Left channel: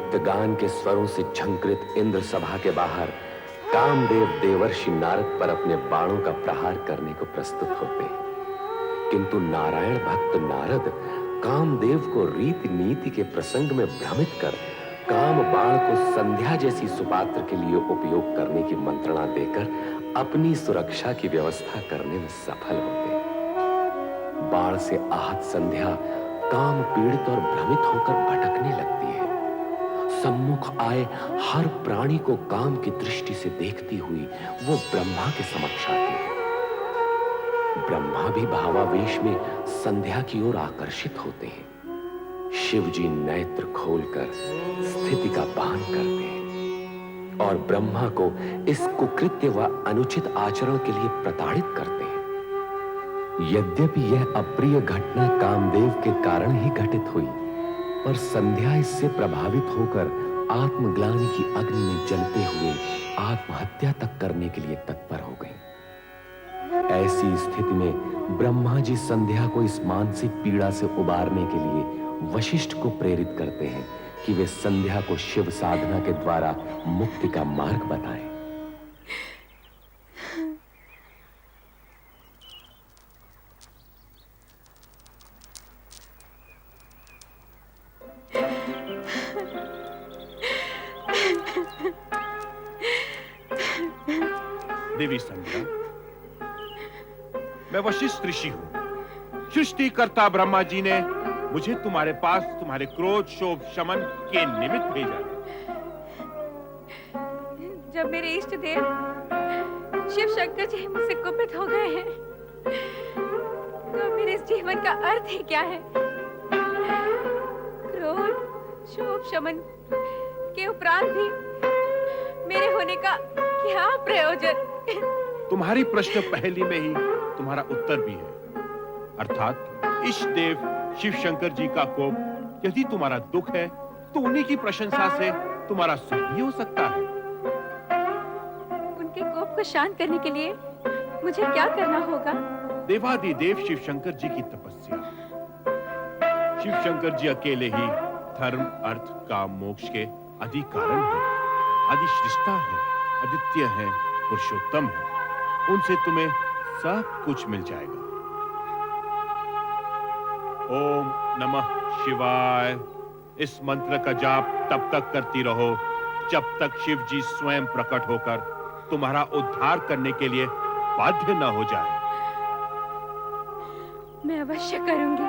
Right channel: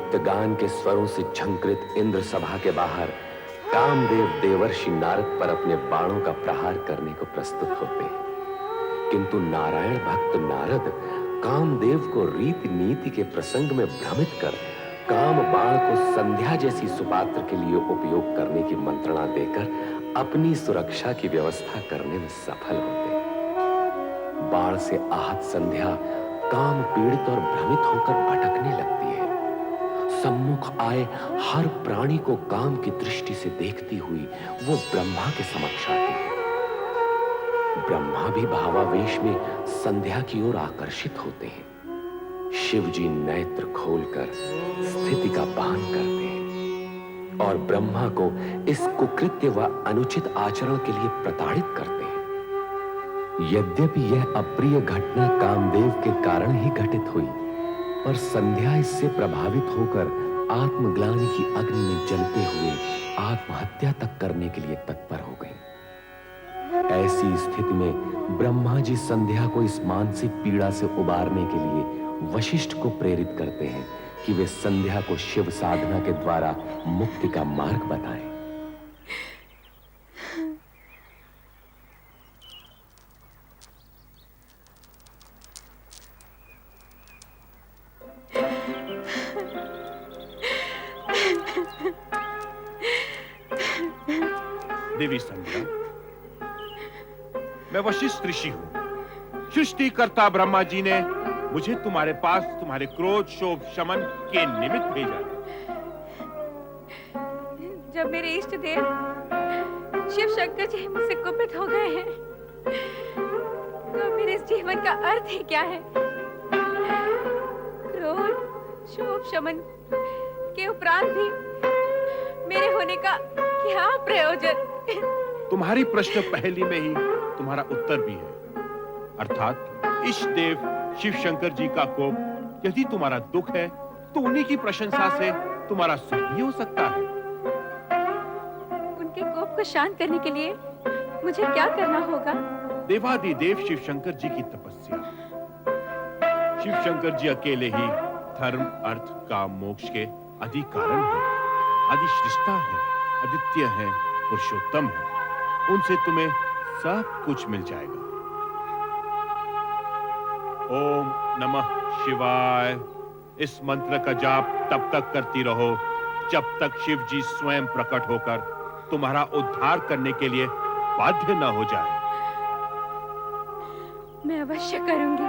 नृत्य गान के स्वरों से झंकृत इंद्र सभा के बाहर कामदेव देवर्षि नारद पर अपने बाणों का प्रहार करने को प्रस्तुत होते हैं। किंतु नारायण भक्त नारद कामदेव को रीति नीति के प्रसंग में भ्रमित कर काम बाण को संध्या जैसी सुपात्र के लिए उपयोग करने की मंत्रणा देकर अपनी सुरक्षा की व्यवस्था करने में सफल होते हैं। बाण से आहत संध्या काम पीड़ित और भ्रमित होकर भटकने लगती है। सम्मुख आए हर प्राणी को काम की दृष्टि से देखती हुई वो ब्रह्मा के समक्ष आती है। ब्रह्मा भी भावावेश में संध्या की ओर आकर्षित होते हैं। शिव जी नेत्र खोलकर स्थिति का भान करते हैं और ब्रह्मा को इस कुकृत्य व अनुचित आचरण के लिए प्रताड़ित करते हैं। यद्यपि यह अप्रिय घटना कामदेव के कारण ही घटित हुई, पर संध्या इससे प्रभावित होकर आत्मग्लानि की अग्नि में जलते हुए आत्महत्या तक करने के लिए तत्पर हो गई। ऐसी स्थिति में ब्रह्मा जी संध्या को इस मानसिक पीड़ा से उबारने के लिए वशिष्ठ को प्रेरित करते हैं कि वे संध्या को शिव साधना के द्वारा मुक्ति का मार्ग बताएं। देवी संध्या, मैं वशिष्ठ ऋषि हूं। सृष्टिकर्ता ब्रह्मा जी ने मुझे तुम्हारे पास तुम्हारे क्रोध शोभ शमन के निमित्त भेजा। जब मेरे इष्ट देव शिव शंकर जी मुझसे कुपित हो गए हैं, तो मेरे इस जीवन का अर्थ ही क्या है? क्रोध शोभ शमन के उपरांत भी मेरे होने का क्या प्रयोजन? तुम्हारी प्रश्न पहली में ही तुम्हारा उत्तर भी है। अर्थात इष्ट देव शिव शंकर जी का कोप यदि तुम्हारा दुख है, तो उन्हीं की प्रशंसा से तुम्हारा सुख भी हो सकता है। उनके कोप को शांत करने के लिए मुझे क्या करना होगा? देवादिदेव शिव शंकर जी की तपस्या। शिव शंकर जी अकेले ही धर्म अर्थ काम मोक्ष के आदि कारण है, आदि सृष्टा है, अद्वितीय है, पुरुषोत्तम है। उनसे तुम्हें सब कुछ मिल जाएगा। ओम नमः शिवाय इस मंत्र का जाप तब तक करती रहो जब तक शिव जी स्वयं प्रकट होकर तुम्हारा उद्धार करने के लिए बाध्य न हो जाए। मैं अवश्य करूंगी।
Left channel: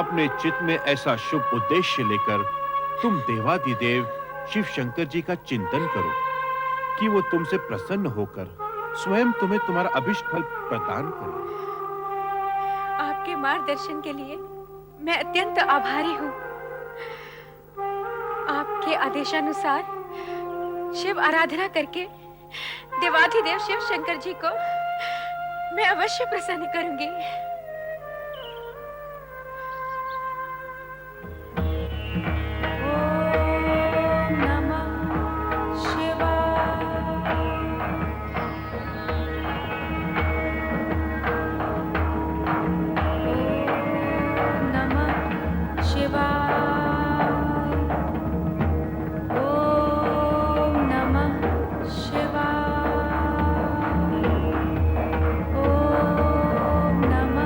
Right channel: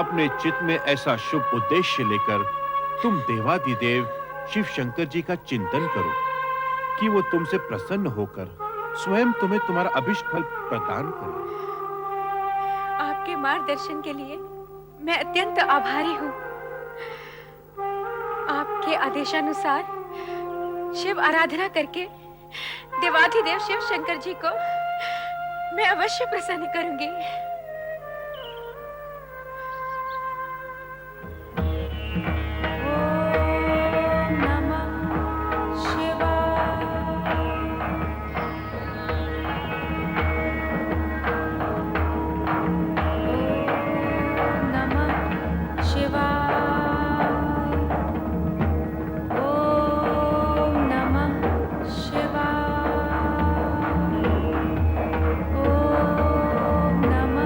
अपने चित्त में ऐसा शुभ उद्देश्य लेकर तुम देवादिदेव शिव शंकर जी का चिंतन करो कि वो तुमसे प्रसन्न होकर स्वयं तुम्हें तुम्हारा अभिष्ट फल प्रदान करे। आपके मार्गदर्शन के लिए मैं अत्यंत आभारी हूँ। आपके आदेशानुसार शिव आराधना करके देवाधिदेव शिव शंकर जी को मैं अवश्य प्रसन्न करूंगी। ओम नमः शिवाय। ओम नमः शिवाय। ओम नमः शिवाय। ओम नमः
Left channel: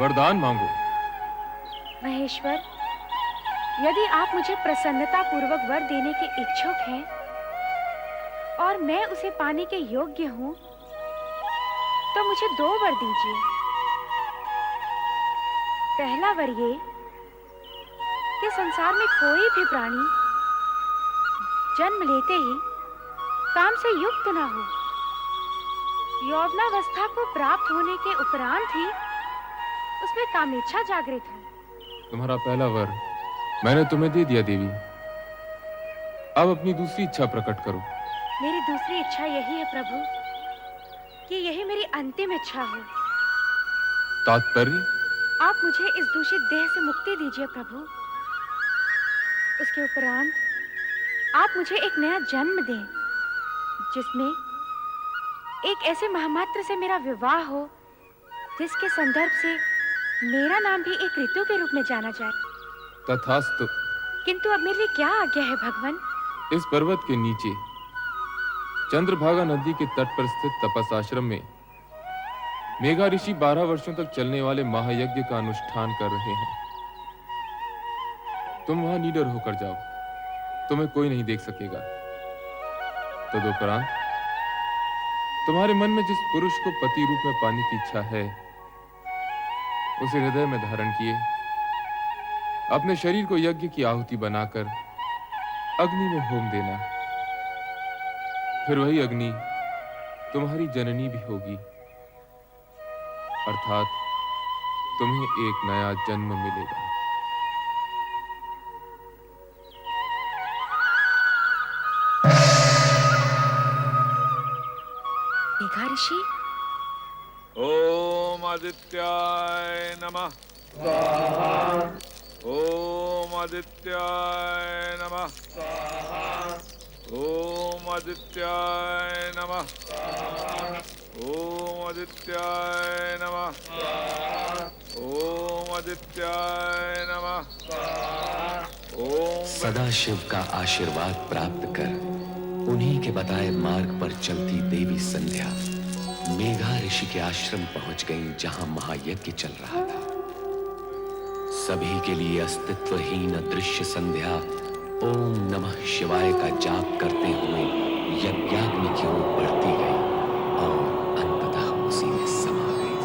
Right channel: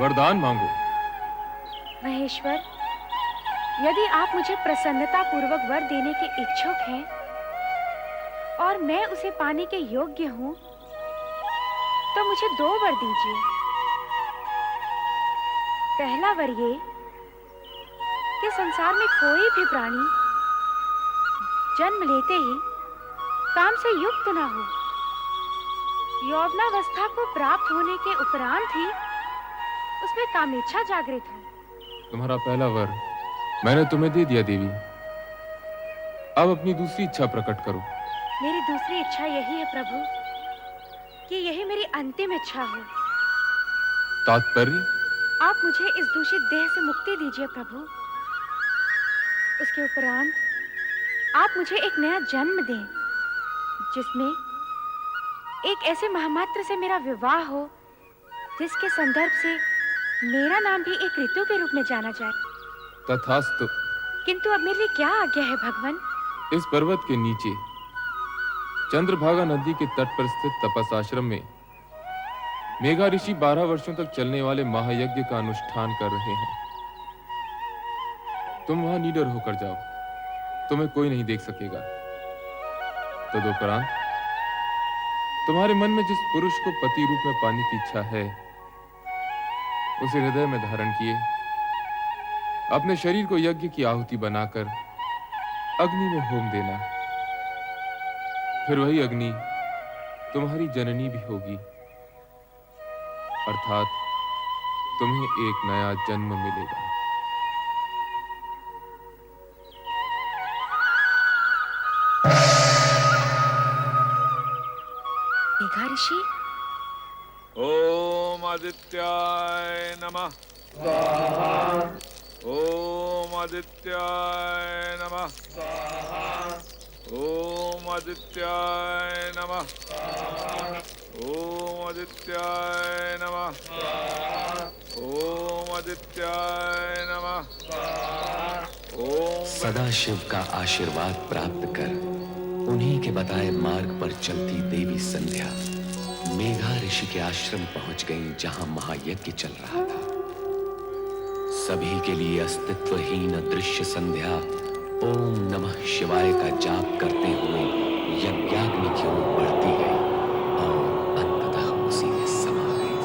वरदान मांगो। महेश्वर, यदि आप मुझे प्रसन्नता पूर्वक वर देने के इच्छुक हैं और मैं उसे पाने के योग्य हूँ, तो मुझे 2 वर दीजिए। पहला वर ये कि संसार में कोई भी प्राणी जन्म लेते ही काम से युक्त न हो। यौवनावस्था को प्राप्त होने के उपरांत ही उसमें कामेच्छा जागृत हो। तुम्हारा पहला वर मैंने तुम्हें दे दिया देवी। अब अपनी दूसरी इच्छा प्रकट करो। मेरी दूसरी इच्छा यही है प्रभु कि यही मेरी अंतिम इच्छा हो। तात्पर्य? आप मुझे इस दूषित देह से मुक्ति दीजिए प्रभु। उसके उपरांत आप मुझे एक नया जन्म दें, जिसमें एक ऐसे महामात्र से मेरा विवाह हो जिसके संदर्भ से मेरा नाम भी एक ऋतु के रूप में जाना जाए। तथास्तु। किंतु अब मेरे लिए क्या आज्ञा है भगवान? इस पर्वत के नीचे चंद्रभागा नदी के तट पर स्थित तपस आश्रम में मेघा ऋषि 12 वर्षों तक चलने वाले महायज्ञ का अनुष्ठान कर रहे हैं। तुम वहां निडर होकर जाओ, तुम्हें कोई नहीं देख सकेगा। तदुपरांत तुम्हारे मन में जिस पुरुष को पति रूप में पाने की इच्छा है, उसे हृदय में धारण किए अपने शरीर को यज्ञ की आहुति बनाकर अग्नि में होम देना। फिर वही अग्नि तुम्हारी जननी भी होगी, अर्थात तुम्हें एक नया जन्म मिलेगा। मेघा ऋषि, ओम आदित्याय नमः। स्वाहा। ओम आदित्याय नमः। स्वाहा। ओम आदित्याय नमः। स्वाहा। ओम आदित्याय नमः। स्वाहा। ओम आदित्याय नमः। स्वाहा। ओम सदाशिव का आशीर्वाद प्राप्त कर उन्हीं के बताए मार्ग पर चलती देवी संध्या मेघा ऋषि के आश्रम पहुंच गईं, जहां महायज्ञ चल रहा था। सभी के लिए अस्तित्वहीन अदृश्य संध्या ओम नमः शिवाय का जाप करते हुए यज्ञाग्नि की ओर बढ़ती गई और अंततः उसी में समा गई।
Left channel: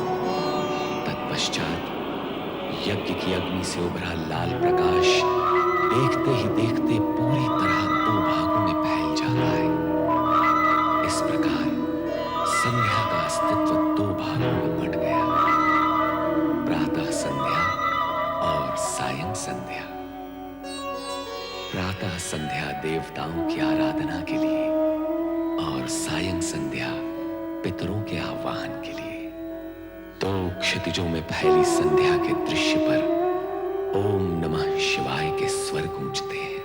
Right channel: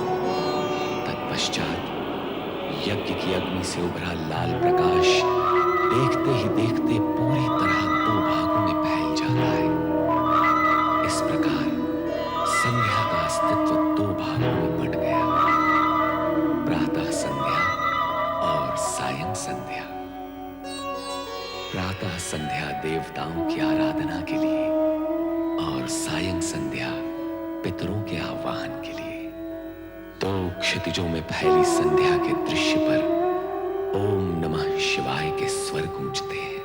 तत्पश्चात यज्ञ की अग्नि से उभरा लाल प्रकाश देखते ही देखते पूरी तरह 2 भागों में फैल जाता है। इस प्रकार संध्या का अस्तित्व 2 भागों में बंट गया, प्रातः संध्या और सायं संध्या। प्रातः संध्या देवताओं की आराधना के लिए और सायं संध्या पितरों के आह्वान के लिए। 2 क्षितिजों में फैली संध्या के दृश्य पर ओम नमः शिवाय के स्वर गूंजते हैं।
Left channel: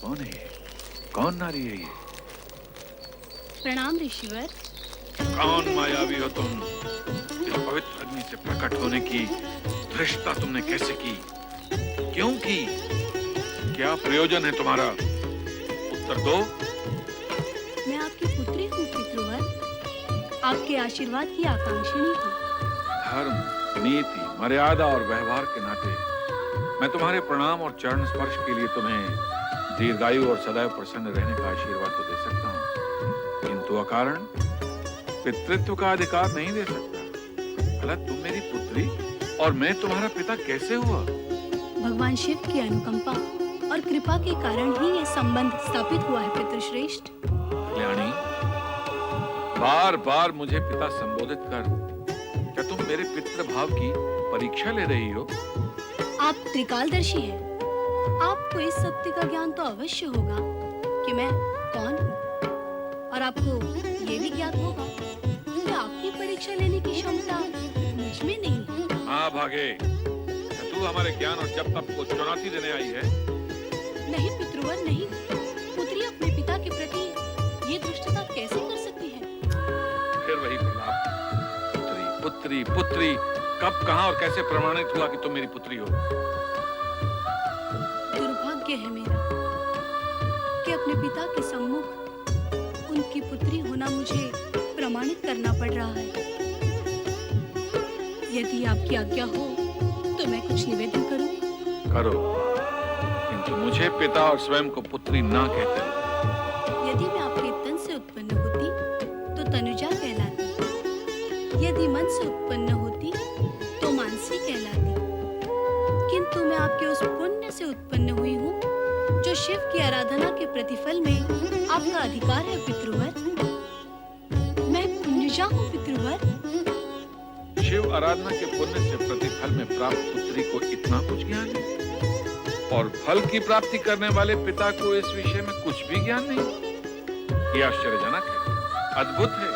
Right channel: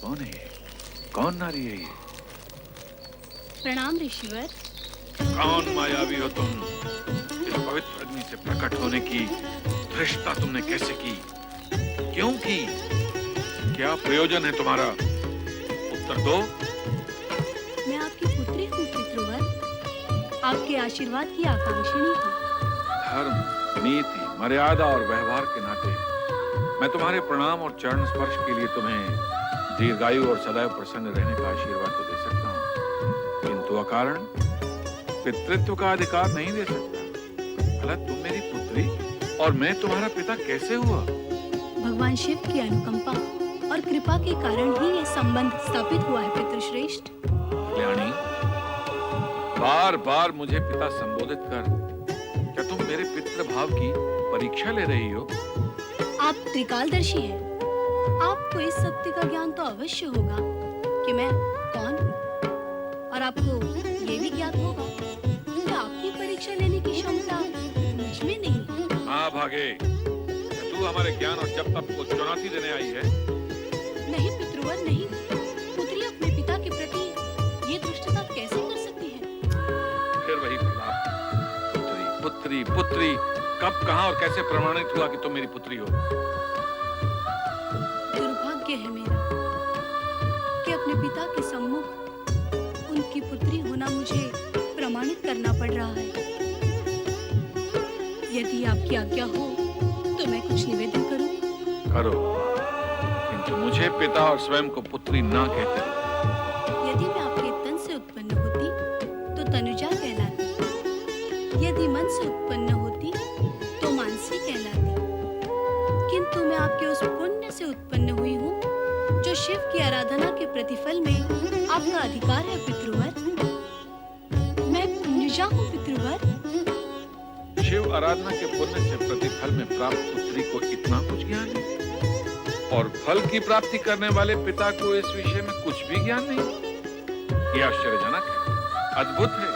कौन है ये? कौन नारी है ये? प्रणाम ऋषिवर। कौन मायावी हो तुम? इस पवित्र अग्नि से प्रकट होने की धृष्टता तुमने कैसे की? क्यों की? क्या प्रयोजन है तुम्हारा? उत्तर दो। मैं आपकी पुत्री हूँ पितृवर, आपके आशीर्वाद की आकांक्षिणी हूँ। धर्म, नीति, मर्यादा और व्यवहार के नाते मैं तुम्हारे प्रणाम और चरण स्पर्श के लिए तुम्हें दीर्घायु और सदैव प्रसन्न रहने का आशीर्वाद तो दे सकता हूँ, किंतु अकारण पितृत्व का अधिकार नहीं दे सकता। भला तुम मेरी पुत्री और मैं तुम्हारा पिता कैसे हुआ? भगवान शिव की अनुकंपा और कृपा के कारण ही ये संबंध स्थापित हुआ है पितृश्रेष्ठ। कल्याणी, बार बार मुझे पिता संबोधित कर क्या तुम मेरे पितृ भाव की परीक्षा ले रही हो? आप त्रिकालदर्शी हैं। आपको इस सत्य का ज्ञान तो अवश्य होगा कि मैं कौन हूँ, और आपको ये भी ज्ञात होगा कि आपकी परीक्षा लेने की क्षमता मुझ में नहीं है। हाँ भागे, क्या तू हमारे ज्ञान और जप तप को चुनौती देने आई है? नहीं पितृवर नहीं, पुत्री अपने पिता के प्रति ये दुष्टता कैसे कर सकती है? फिर वही प्रलाप, पुत्री पुत्री पुत्री। कब, कहां और कैसे प्रमाणित हुआ कि तुम मेरी पुत्री हो? दुर्भाग्य है मेरा कि अपने पिता के सम्मुख उनकी पुत्री होना मुझे प्रमाणित करना पड़ रहा है। यदि आपकी आज्ञा हो तो मैं कुछ निवेदन करूं? करो, किंतु मुझे पिता और स्वयं को पुत्री ना कहते हो। यदि मैं आपके तन से उत्पन्न होती तो तनुजा कहलाती, यदि मन से उत्पन्न होती तो मानसी कहलाती, किंतु मैं आपके उस पुण्य से उत्पन्न हुई हूँ जो शिव की आराधना के प्रतिफल में आपका अधिकार है पितृवर। मैं पुण्यजा हूँ पितृवर। शिव आराधना के पुण्य से प्रतिफल में प्राप्त पुत्री को इतना कुछ ज्ञान है, और फल की प्राप्ति करने वाले पिता को इस विषय में कुछ भी ज्ञान नहीं। यह आश्चर्यजनक है, अद्भुत है।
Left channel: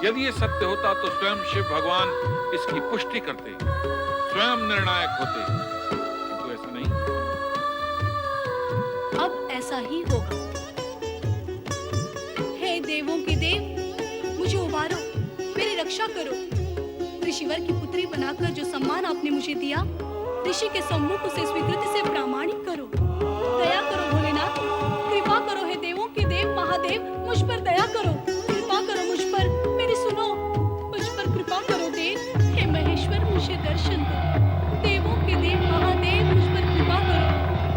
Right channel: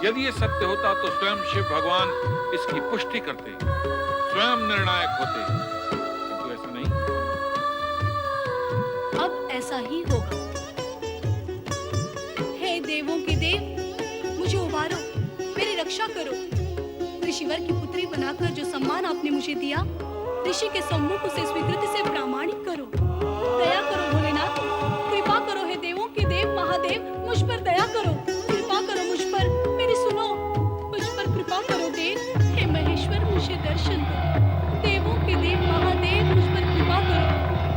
यदि ये सत्य होता तो स्वयं शिव भगवान इसकी पुष्टि करते, स्वयं निर्णायक होते, किंतु ऐसा नहीं। अब ऐसा ही होगा। हे देवों के देव, मुझे उबारो, मेरी रक्षा करो। ऋषिवर की पुत्री बनाकर जो सम्मान आपने मुझे दिया, ऋषि के सम्मुख उसे स्वीकृति से प्रामाणिक करो। दया करो भोलेनाथ, कृपा करो। हे देवों के देव महादेव, मुझ पर दया करो, कृपा करो मुझ पर, मेरी सुनो, मुझ पर कृपा करो देव। हे महेश्वर, मुझे दर्शन दो। देवों के देव महादेव, मुझ पर कृपा करो।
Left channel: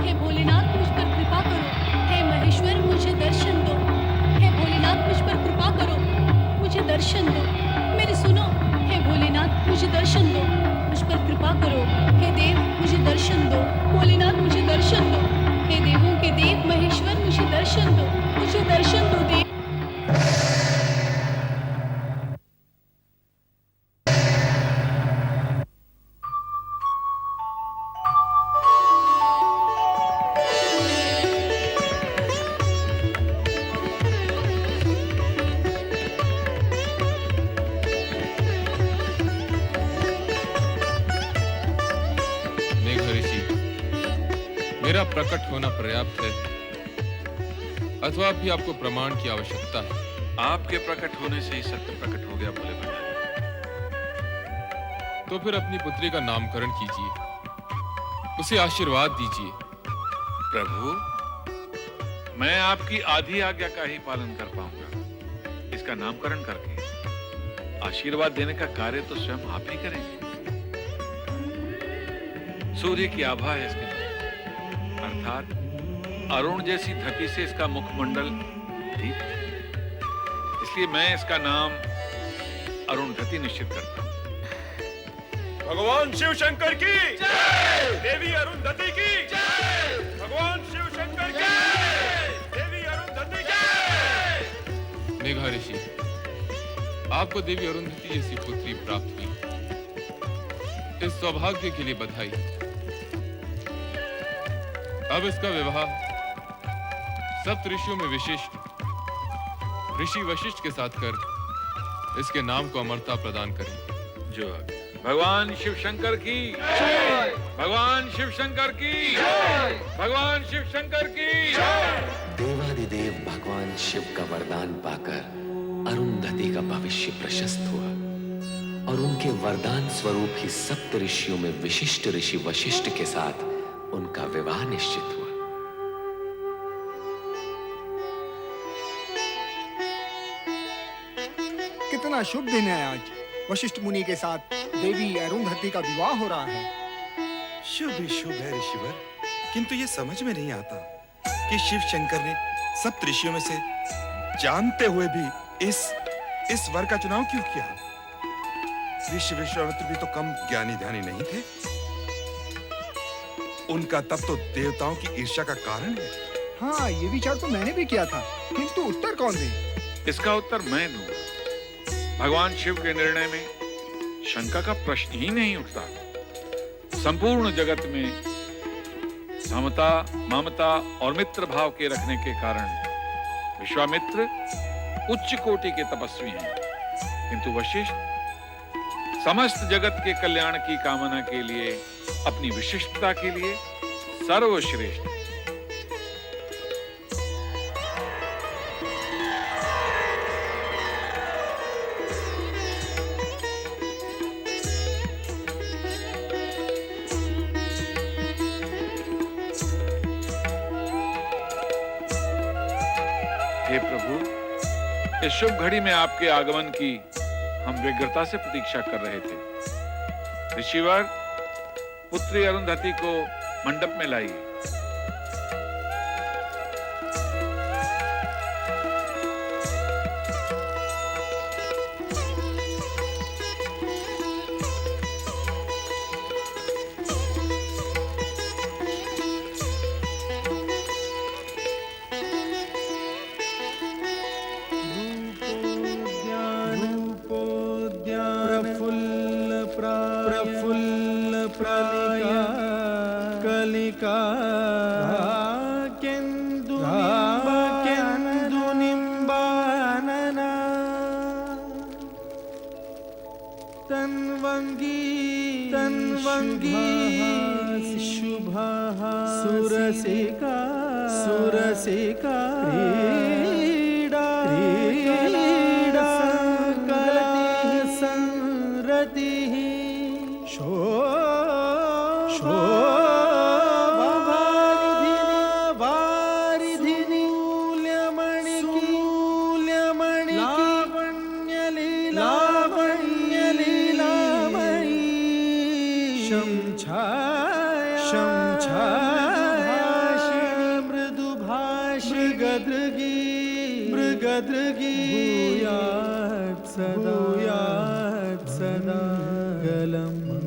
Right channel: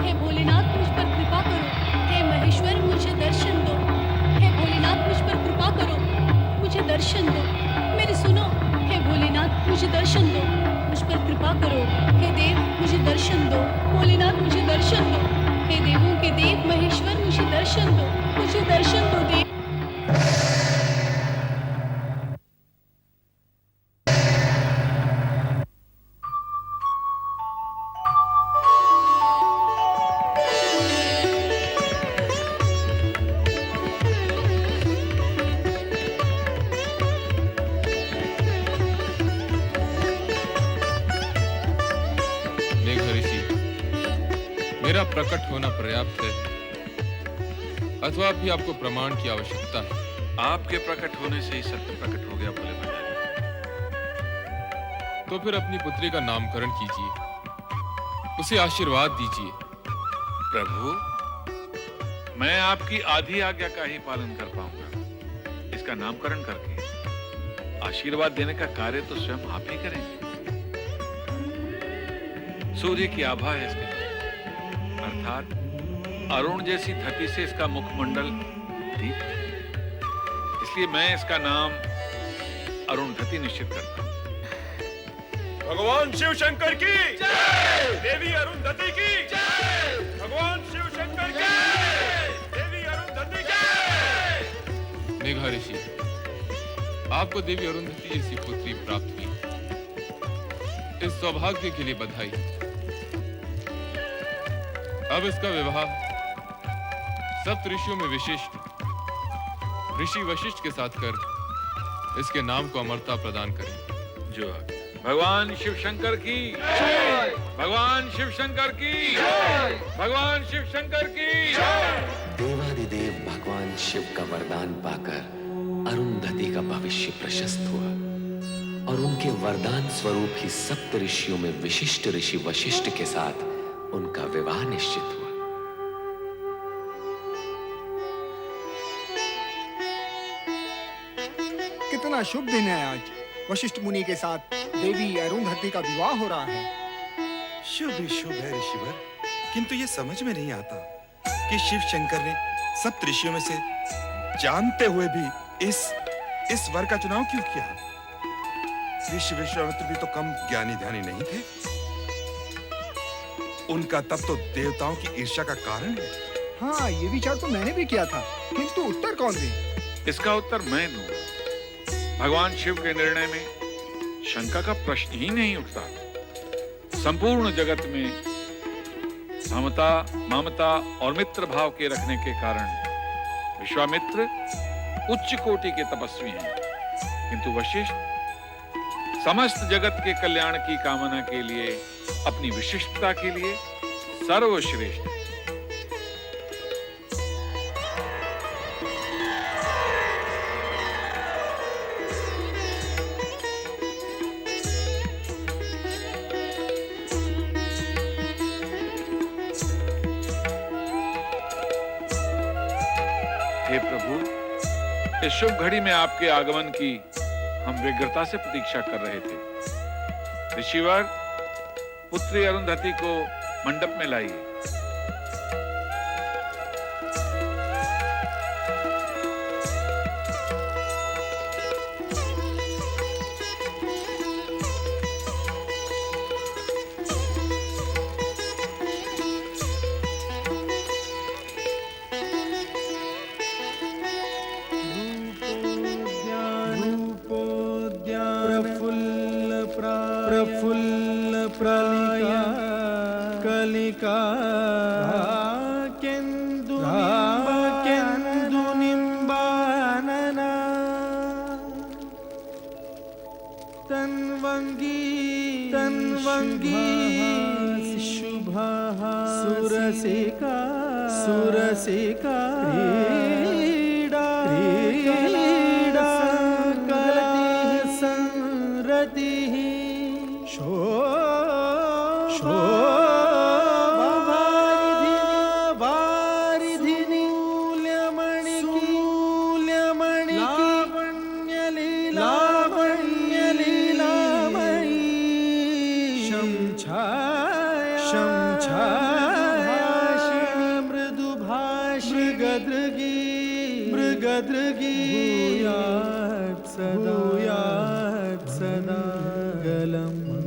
हे भोलेनाथ, मुझ पर कृपा करो। हे महेश्वर, मुझे दर्शन दो। हे भोलेनाथ, मुझ पर कृपा करो, मुझे दर्शन दो। मेरी सुनो, हे भोलेनाथ, मुझे दर्शन दो, मुझ पर कृपा करो। हे देव, मुझे दर्शन दो। भोलेनाथ, मुझे दर्शन दो। हे देवों के देव महेश्वर, मुझे दर्शन दो, मुझे दर्शन दो देव। मेघऋषि, मेरा प्रकट होना पर्याप्त है अथवा भी आपको प्रमाण की आवश्यकता है? आपके प्रकट होने से ही सत्य प्रकट हो गया भोले भंडारी। तो फिर अपनी पुत्री का नामकरण कीजिए, उसे आशीर्वाद दीजिए। प्रभु, मैं आपकी आधी आज्ञा का ही पालन कर पाऊंगा। इसका नामकरण करके आशीर्वाद देने का कार्य तो स्वयं आप ही करेंगे। सूर्य की आभा है इसके मुख, अर्थात अरुण जैसी धरती से इसका मुखमंडल दीप्त है। इसलिए मैं इसका नाम अरुणधति निश्चित करता हूं। भगवान शिव शंकर की जय, देवी अरुंधति की जय, भगवान शिव शंकर की जय, देवी अरुंधति की जय। मेघऋषि, आपको देवी अरुंधति जैसी पुत्री प्राप्त हुई, इस सौभाग्य के लिए बधाई। अब इसका विवाह सप्त ऋषियों में विशिष्ट ऋषि वशिष्ठ के साथ कर इसके नाम को अमरता प्रदान करें। जो आज्ञा। भगवान शिव शंकर की जय, भगवान शिव शंकर की जय, भगवान शिव शंकर की जय। देवादिदेव भगवान शिव का वरदान पाकर अरुंधति का भविष्य प्रशस्त हुआ और उनके वरदान स्वरूप ही सप्त ऋषियों में विशिष्ट ऋषि वशिष्ठ के साथ उनका विवाह निश्चित हुआ। कितना शुभ दिन है आज। वशिष्ठ मुनि के साथ देवी अरुंधति का विवाह हो रहा है। शुभ ही शुभ है ऋषिवर, किंतु ये समझ में नहीं आता कि शिव शंकर ने सप्त ऋषियों में से जानते हुए भी इस वर का चुनाव क्यों किया? ऋषि विश्वामित्र भी तो कम ज्ञानी ध्यानी नहीं थे। उनका तप तो देवताओं की ईर्ष्या का कारण है। हाँ, ये विचार तो मैंने भी किया था, किंतु उत्तर कौन दे? इसका उत्तर मैं दूंगा। भगवान शिव के निर्णय में शंका का प्रश्न ही नहीं उठता। संपूर्ण जगत में समता, ममता और मित्र भाव के रखने के कारण विश्वामित्र उच्च कोटि के तपस्वी हैं, किंतु वशिष्ठ समस्त जगत के कल्याण की कामना के लिए, अपनी विशिष्टता के लिए सर्वश्रेष्ठ है। हे प्रभु, इस शुभ घड़ी में आपके आगमन की हम व्यग्रता से प्रतीक्षा कर रहे थे। ऋषिवर, पुत्री अरुंधति को मंडप में लाइए। प्रफुल्ल प्रलिका केन्दु निम्बानन तन्वंगी शुभाहासी सुरसिका क्रीडा संरतिः शोभावारिधिनि मूल्यमणि लावण्यलीलामणि शंछायाभाषिणि मृगदृगी भूयात् सदा मंगलम्।